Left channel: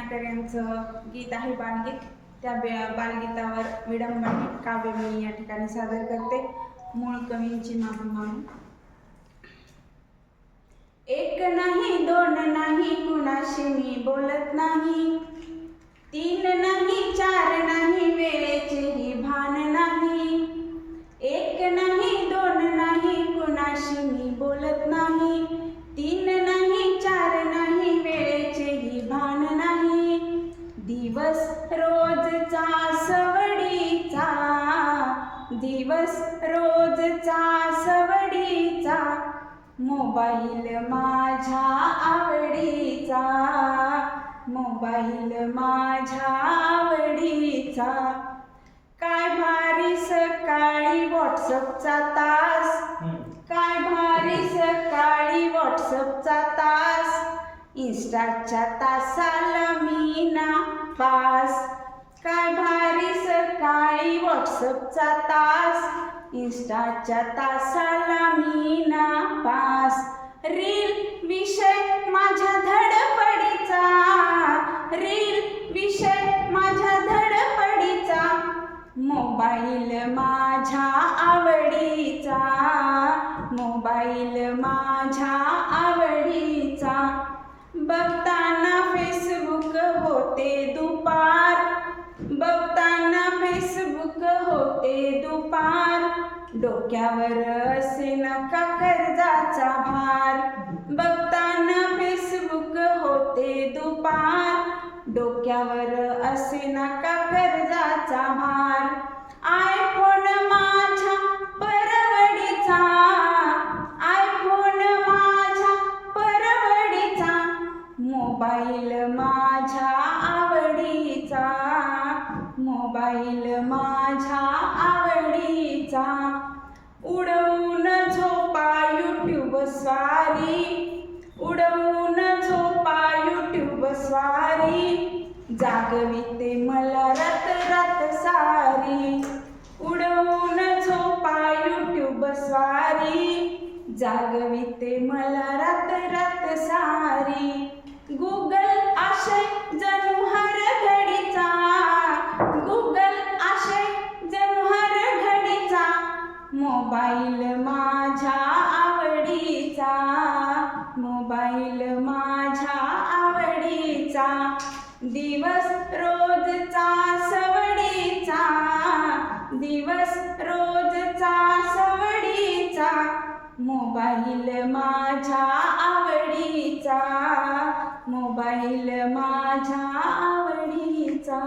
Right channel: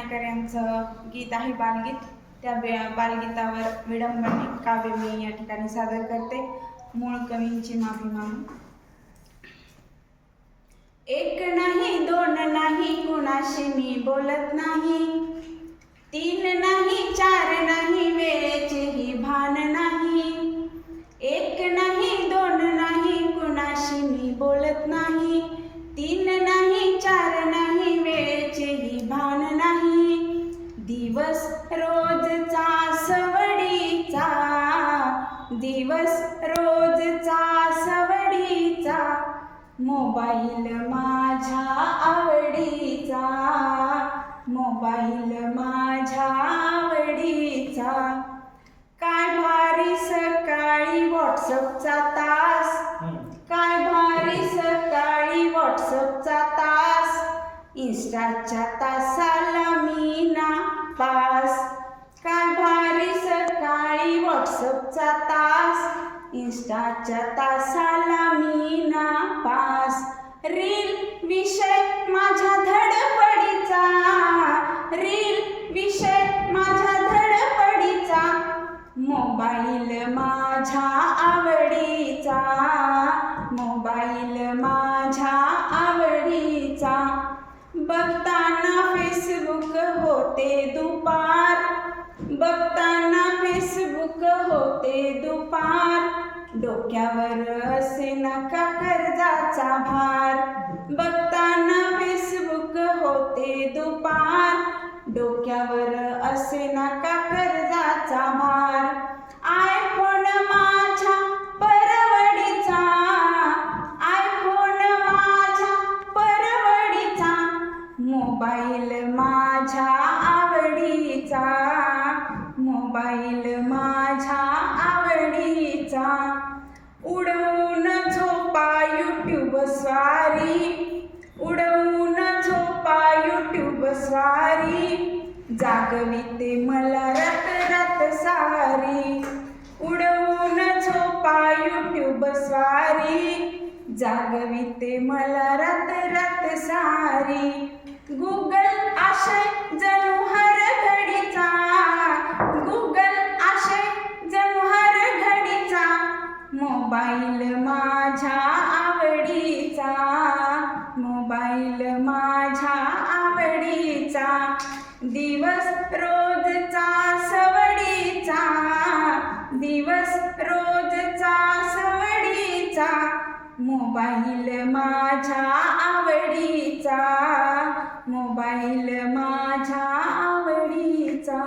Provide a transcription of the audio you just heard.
ठाणेकर यांचं गीत आहे बालगीत. त्या बालगीतावर विडंबने काव्य मी या ठिकाणी सादर करते. मूळ कवींची माफी मागून. एक नाही दोन नाही कुणाशी मी बोलत नाही, तीन नाही चार नाही वेळेचेही भान नाही. एक नाही दोन नाही कुणाशी मी बोलत नाही, तीन नाही चार नाही वेळेचेही भान नाही. दिवस रोजचा सवडीचा, दिवस रोजचा सवडीचा, मोबाईल माझ्या आवडीचा, मोबाईल माझ्या आवडीचा. काय भारी सकाळी व्हॉट्सअपचा तास, काय भारी सकाळी व्हॉट्सअपचा तास, इंस्टाच्या तासाला मी नापास. काय भारी सकाळी व्हॉट्सअपचा तास, इंस्टाच्या तासाला मी नापास. रील विषय माझ्या धडपडीचा, रील विषय माझ्या धडपडीचा, मोबाईल माझ्या आवडीचा, मोबाईल माझ्या आवडीचा. बघताना फेसबुक होते दुपार, बघताना फेसबुक होते दुपार, डोक्यावर असे नका कर्जाचा भार. बघताना फेसबुक होते दुपार, डोक्यावर असे नका कर्जाचा भार. आयफोन माझ्या परवडीचा, आयफोन माझ्या परवडीचा, मोबाईल माझ्या आवडीचा, मोबाईल माझ्या आवडीचा. उडवून झोपा यूट्यूब स्वारी, उडवून झोपा यूट्यूब स्वारी, जागविते मला रात रात सारी. उडवून झोपा यूट्यूब स्वारी, जागविते मला रात रात सारी. गुगल आशय जणू हर घडीचा, गुगल आशय जणू हर घडीचा, मोबाईल माझ्या आवडीचा, मोबाईल माझ्या आवडीचा. दिवस रोजचा सवडीचा, दिवस रोजचा सवडीचा, मोबाईल माझ्या आवडीचा, मोबाईल माझ्या आवडीचा.